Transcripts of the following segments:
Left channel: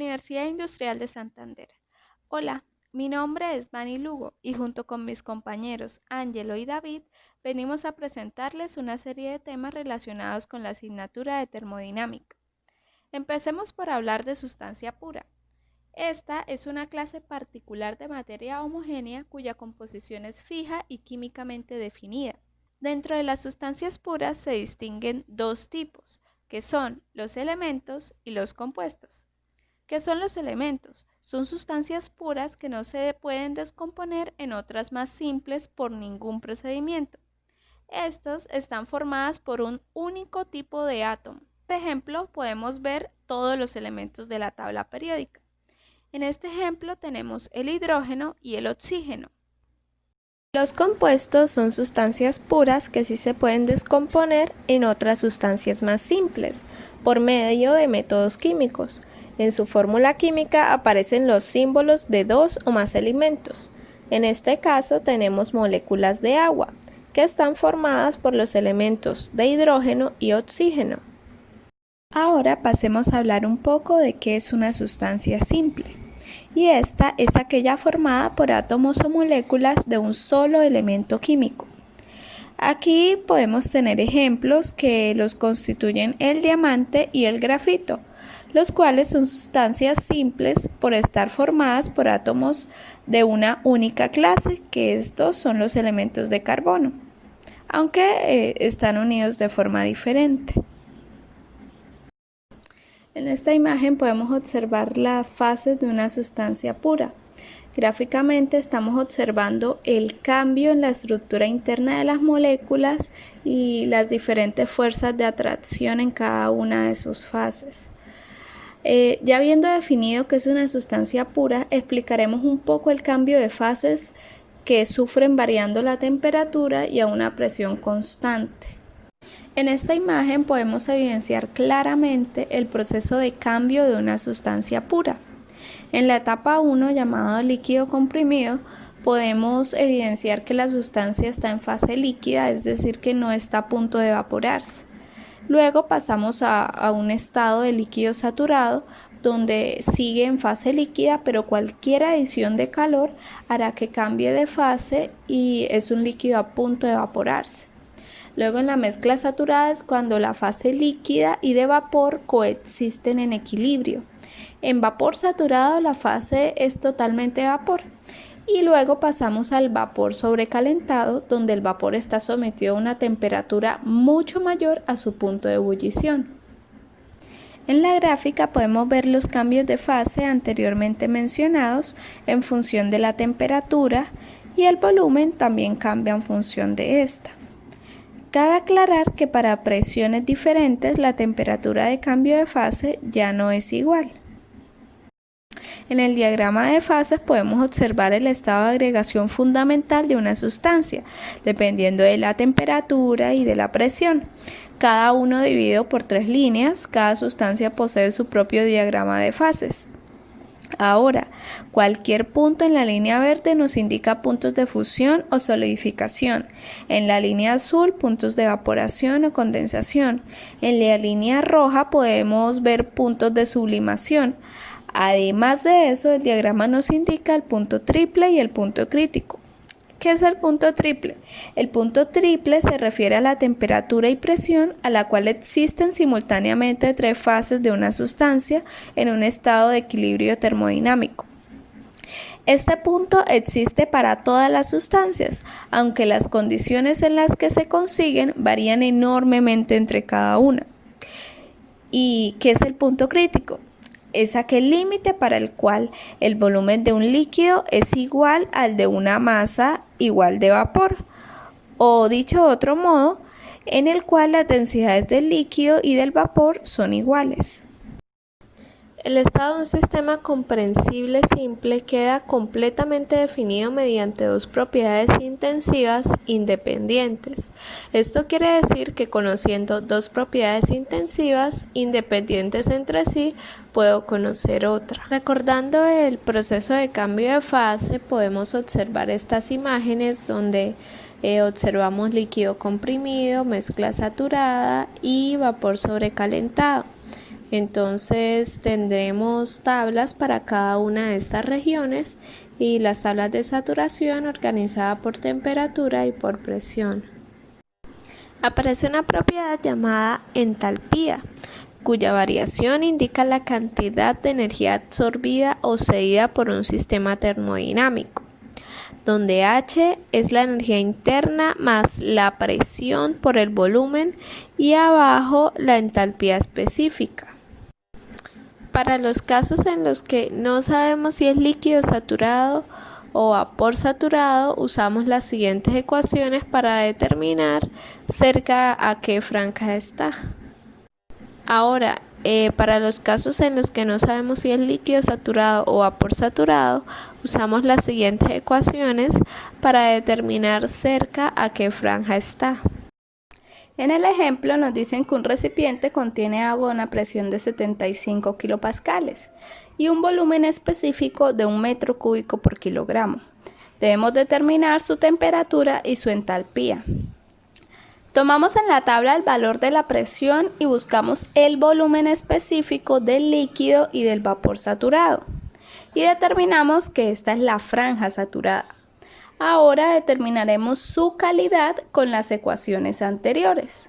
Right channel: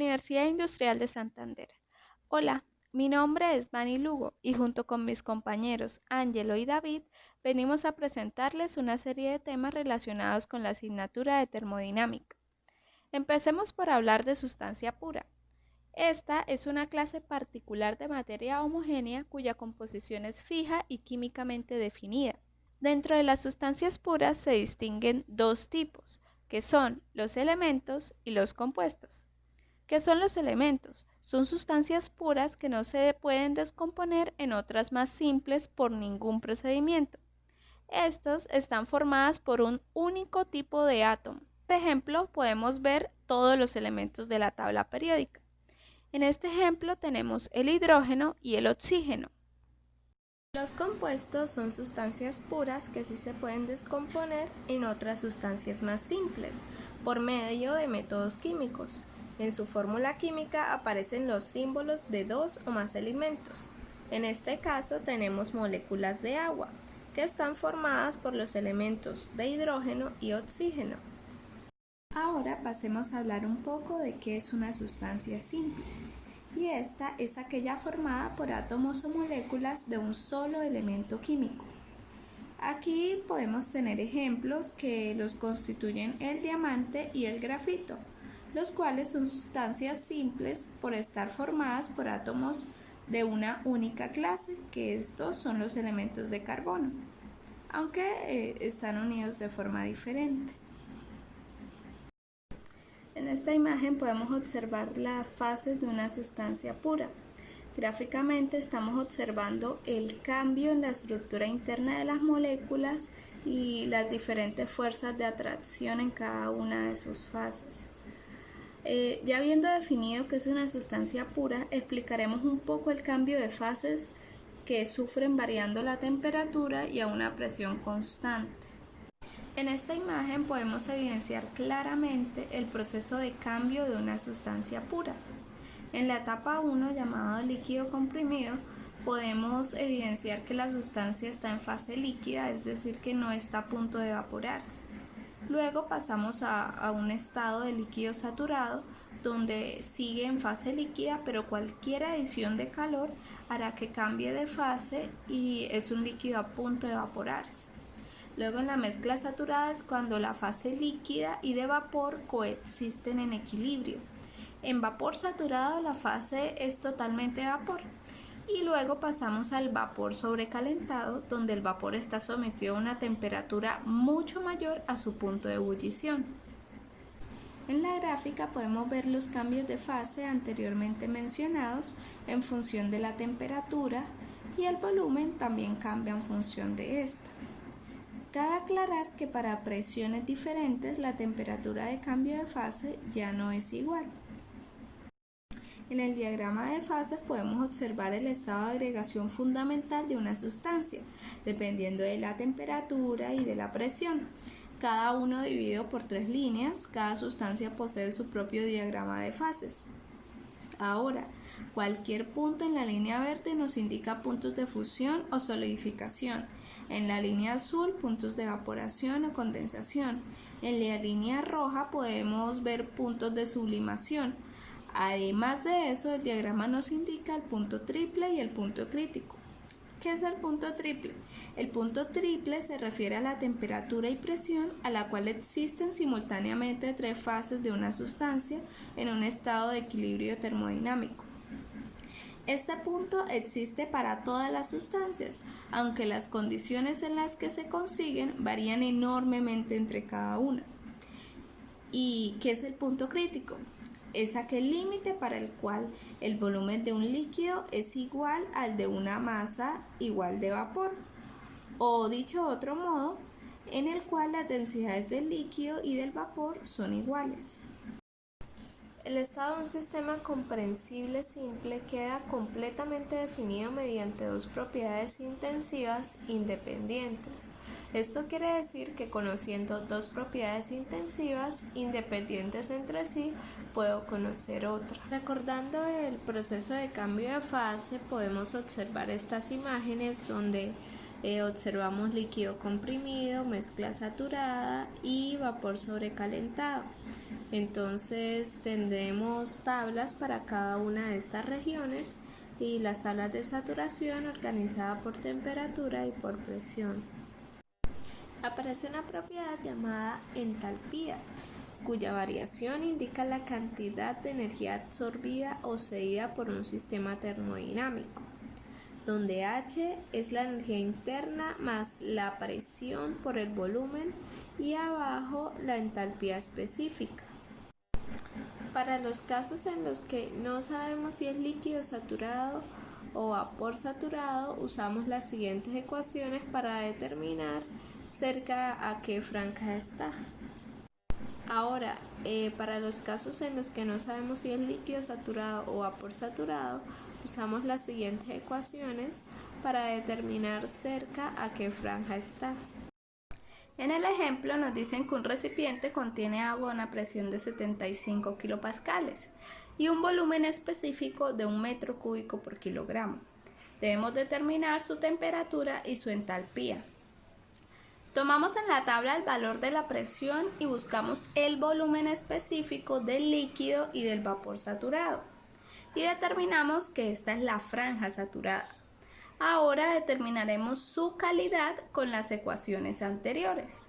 Universidad Industrial de Santander. Hola, mi nombre es Vani Lugo y junto con mis compañeros Ángelo y David venimos a presentarles una serie de temas relacionados con la asignatura de termodinámica. Empecemos por hablar de sustancia pura. Esta es una clase particular de materia homogénea cuya composición es fija y químicamente definida. Dentro de las sustancias puras se distinguen dos tipos, que son los elementos y los compuestos. ¿Qué son los elementos? Son sustancias puras que no se pueden descomponer en otras más simples por ningún procedimiento. Estos están formadas por un único tipo de átomo. Por ejemplo, podemos ver todos los elementos de la tabla periódica. En este ejemplo tenemos el hidrógeno y el oxígeno. Los compuestos son sustancias puras que sí se pueden descomponer en otras sustancias más simples, por medio de métodos químicos. En su fórmula química aparecen los símbolos de dos o más elementos. En este caso tenemos moléculas de agua, que están formadas por los elementos de hidrógeno y oxígeno. Ahora pasemos a hablar un poco de qué es una sustancia simple. Y esta es aquella formada por átomos o moléculas de un solo elemento químico. Aquí podemos tener ejemplos que los constituyen el diamante y el grafito, los cuales son sustancias simples por estar formadas por átomos de una única clase, que estos son los elementos de carbono, aunque están unidos de forma diferente. En esta imagen podemos observar las fases de una sustancia pura. Gráficamente estamos observando el cambio en la estructura interna de las moléculas y las diferentes fuerzas de atracción en cada una de sus fases. Ya habiendo definido qué es una sustancia pura, explicaremos un poco el cambio de fases que sufren variando la temperatura y a una presión constante. En esta imagen podemos evidenciar claramente el proceso de cambio de una sustancia pura. En la etapa 1, llamado líquido comprimido, podemos evidenciar que la sustancia está en fase líquida, es decir, que no está a punto de evaporarse. Luego pasamos a un estado de líquido saturado, donde sigue en fase líquida, pero cualquier adición de calor hará que cambie de fase y es un líquido a punto de evaporarse. Luego en la mezcla saturada es cuando la fase líquida y de vapor coexisten en equilibrio. En vapor saturado la fase es totalmente vapor. Y luego pasamos al vapor sobrecalentado, donde el vapor está sometido a una temperatura mucho mayor a su punto de ebullición. En la gráfica podemos ver los cambios de fase anteriormente mencionados en función de la temperatura y el volumen también cambia en función de esta. Cabe aclarar que para presiones diferentes la temperatura de cambio de fase ya no es igual. En el diagrama de fases podemos observar el estado de agregación fundamental de una sustancia, dependiendo de la temperatura y de la presión. Cada uno dividido por 3 líneas, cada sustancia posee su propio diagrama de fases. Ahora, cualquier punto en la línea verde nos indica puntos de fusión o solidificación. En la línea azul, puntos de evaporación o condensación. En la línea roja podemos ver puntos de sublimación. Además de eso, el diagrama nos indica el punto triple y el punto crítico. ¿Qué es el punto triple? El punto triple se refiere a la temperatura y presión a la cual existen simultáneamente 3 fases de una sustancia en un estado de equilibrio termodinámico. Este punto existe para todas las sustancias, aunque las condiciones en las que se consiguen varían enormemente entre cada una. ¿Y qué es el punto crítico? Es aquel límite para el cual el volumen de un líquido es igual al de una masa igual de vapor, o dicho de otro modo, en el cual las densidades del líquido y del vapor son iguales. El estado de un sistema comprensible simple queda completamente definido mediante dos propiedades intensivas independientes. Esto quiere decir que conociendo dos propiedades intensivas independientes entre sí, puedo conocer otra. Recordando el proceso de cambio de fase, podemos observar estas imágenes donde observamos líquido comprimido, mezcla saturada y vapor sobrecalentado. Entonces tendremos tablas para cada una de estas regiones y las tablas de saturación organizadas por temperatura y por presión. Aparece una propiedad llamada entalpía, cuya variación indica la cantidad de energía absorbida o cedida por un sistema termodinámico, donde H es la energía interna más la presión por el volumen y abajo la entalpía específica. Para los casos en los que no sabemos si es líquido saturado o vapor saturado, usamos las siguientes ecuaciones para determinar cerca a qué franja está. Ahora, para los casos en los que no sabemos si es líquido saturado o vapor saturado, usamos las siguientes ecuaciones para determinar cerca a qué franja está. En el ejemplo nos dicen que un recipiente contiene agua a una presión de 75 kilopascales y un volumen específico de 1 metro cúbico por kilogramo. Debemos determinar su temperatura y su entalpía. Tomamos en la tabla el valor de la presión y buscamos el volumen específico del líquido y del vapor saturado. Y determinamos que esta es la franja saturada. Ahora determinaremos su calidad con las ecuaciones anteriores.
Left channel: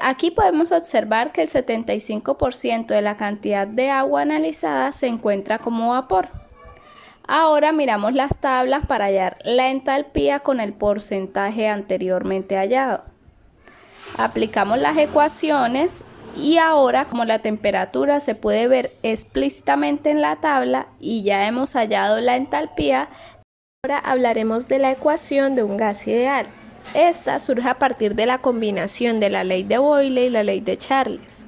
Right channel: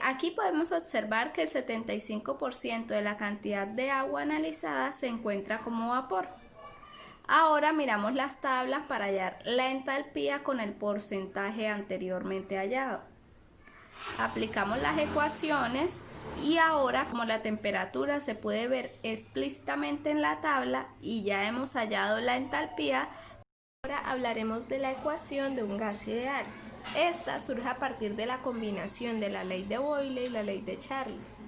Aquí podemos observar que el 75% de la cantidad de agua analizada se encuentra como vapor. Ahora miramos las tablas para hallar la entalpía con el porcentaje anteriormente hallado. Aplicamos las ecuaciones y ahora, como la temperatura se puede ver explícitamente en la tabla y ya hemos hallado la entalpía, ahora hablaremos de la ecuación de un gas ideal. Esta surge a partir de la combinación de la ley de Boyle y la ley de Charles,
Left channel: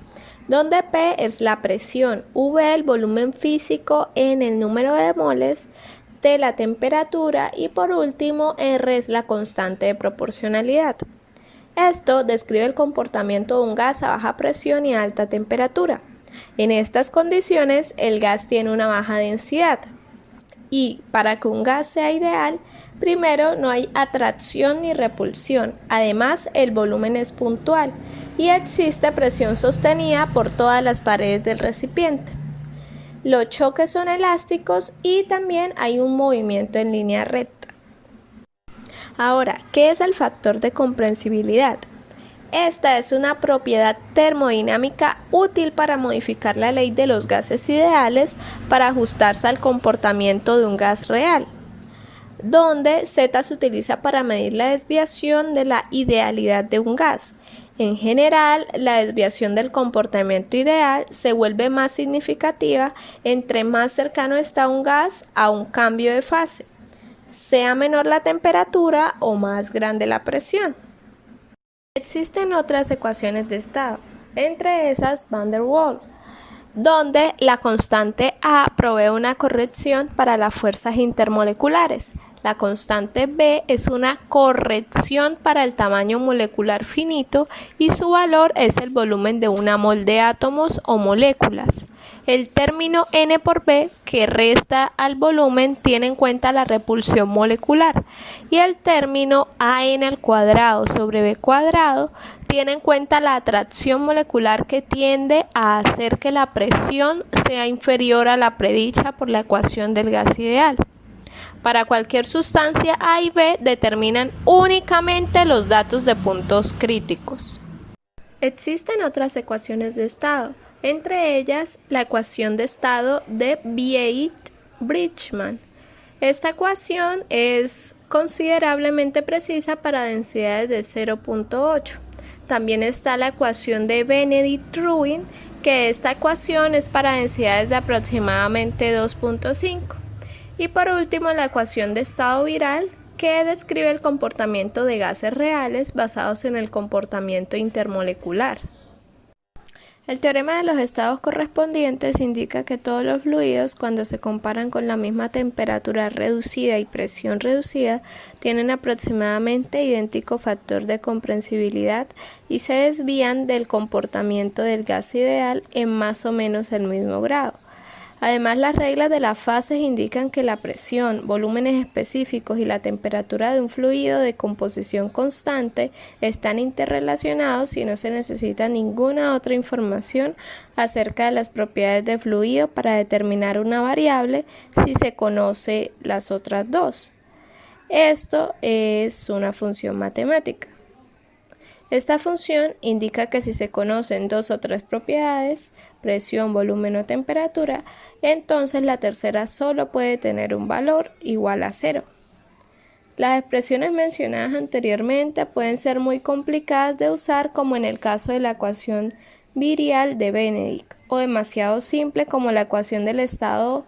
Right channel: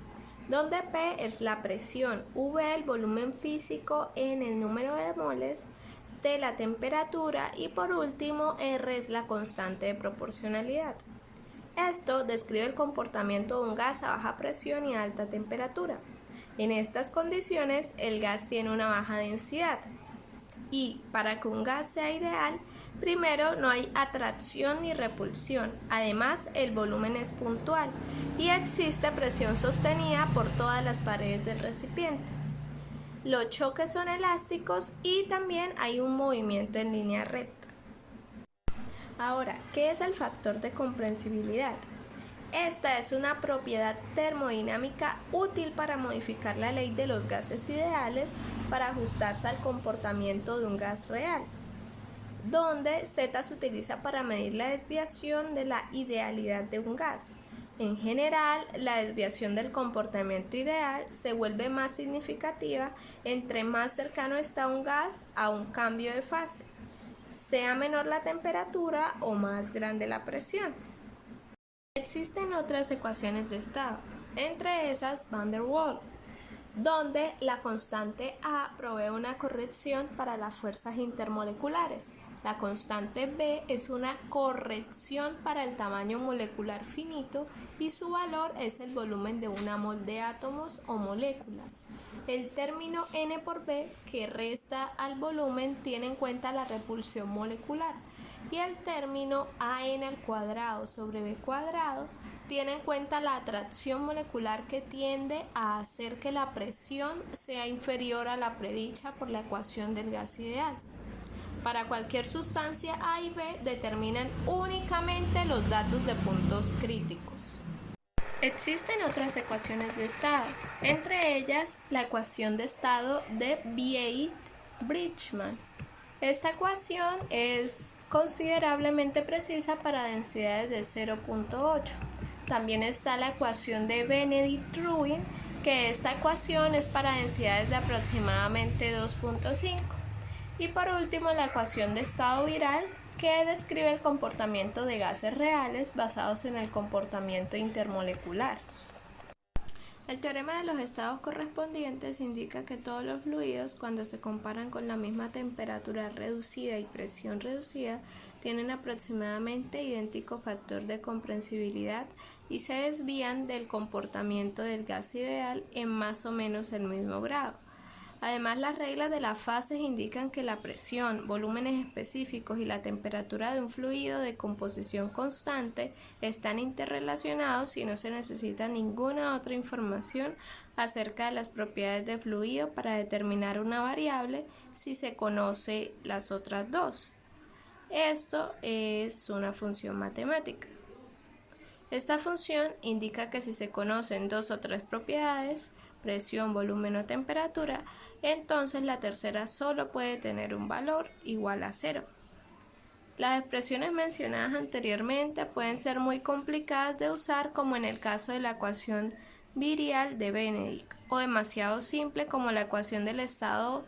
donde P es la presión, V el volumen físico, N el número de moles, T la temperatura y por último R es la constante de proporcionalidad. Esto describe el comportamiento de un gas a baja presión y a alta temperatura. En estas condiciones el gas tiene una baja densidad. Y para que un gas sea ideal, primero no hay atracción ni repulsión, además el volumen es puntual y existe presión sostenida por todas las paredes del recipiente. Los choques son elásticos y también hay un movimiento en línea recta. Ahora, ¿qué es el factor de comprensibilidad? Esta es una propiedad termodinámica útil para modificar la ley de los gases ideales para ajustarse al comportamiento de un gas real, donde Z se utiliza para medir la desviación de la idealidad de un gas. En general, la desviación del comportamiento ideal se vuelve más significativa entre más cercano está un gas a un cambio de fase, sea menor la temperatura o más grande la presión. Existen otras ecuaciones de estado, entre esas Van der Waals, donde la constante A provee una corrección para las fuerzas intermoleculares. La constante B es una corrección para el tamaño molecular finito y su valor es el volumen de una mol de átomos o moléculas. El término N por B, que resta al volumen, tiene en cuenta la repulsión molecular, y el término AN al cuadrado sobre B cuadrado tiene en cuenta la atracción molecular que tiende a hacer que la presión sea inferior a la predicha por la ecuación del gas ideal. Para cualquier sustancia A y B determinan únicamente los datos de puntos críticos. Existen otras ecuaciones de estado, entre ellas la ecuación de estado de Biot-Bridgman. Esta ecuación es considerablemente precisa para densidades de 0.8. También está la ecuación de Benedict-Rubin, que esta ecuación es para densidades de aproximadamente 2.5. Y por último, la ecuación de estado viral, que describe el comportamiento de gases reales basados en el comportamiento intermolecular. El teorema de los estados correspondientes indica que todos los fluidos, cuando se comparan con la misma temperatura reducida y presión reducida, tienen aproximadamente idéntico factor de comprensibilidad y se desvían del comportamiento del gas ideal en más o menos el mismo grado. Además, las reglas de las fases indican que la presión, volúmenes específicos y la temperatura de un fluido de composición constante están interrelacionados y no se necesita ninguna otra información acerca de las propiedades del fluido para determinar una variable si se conoce las otras dos. Esto es una función matemática. Esta función indica que si se conocen dos o tres propiedades, presión, volumen o temperatura, entonces la tercera solo puede tener un valor igual a 0. Las expresiones mencionadas anteriormente pueden ser muy complicadas de usar, como en el caso de la ecuación virial de Benedict, o demasiado simple como la ecuación del estado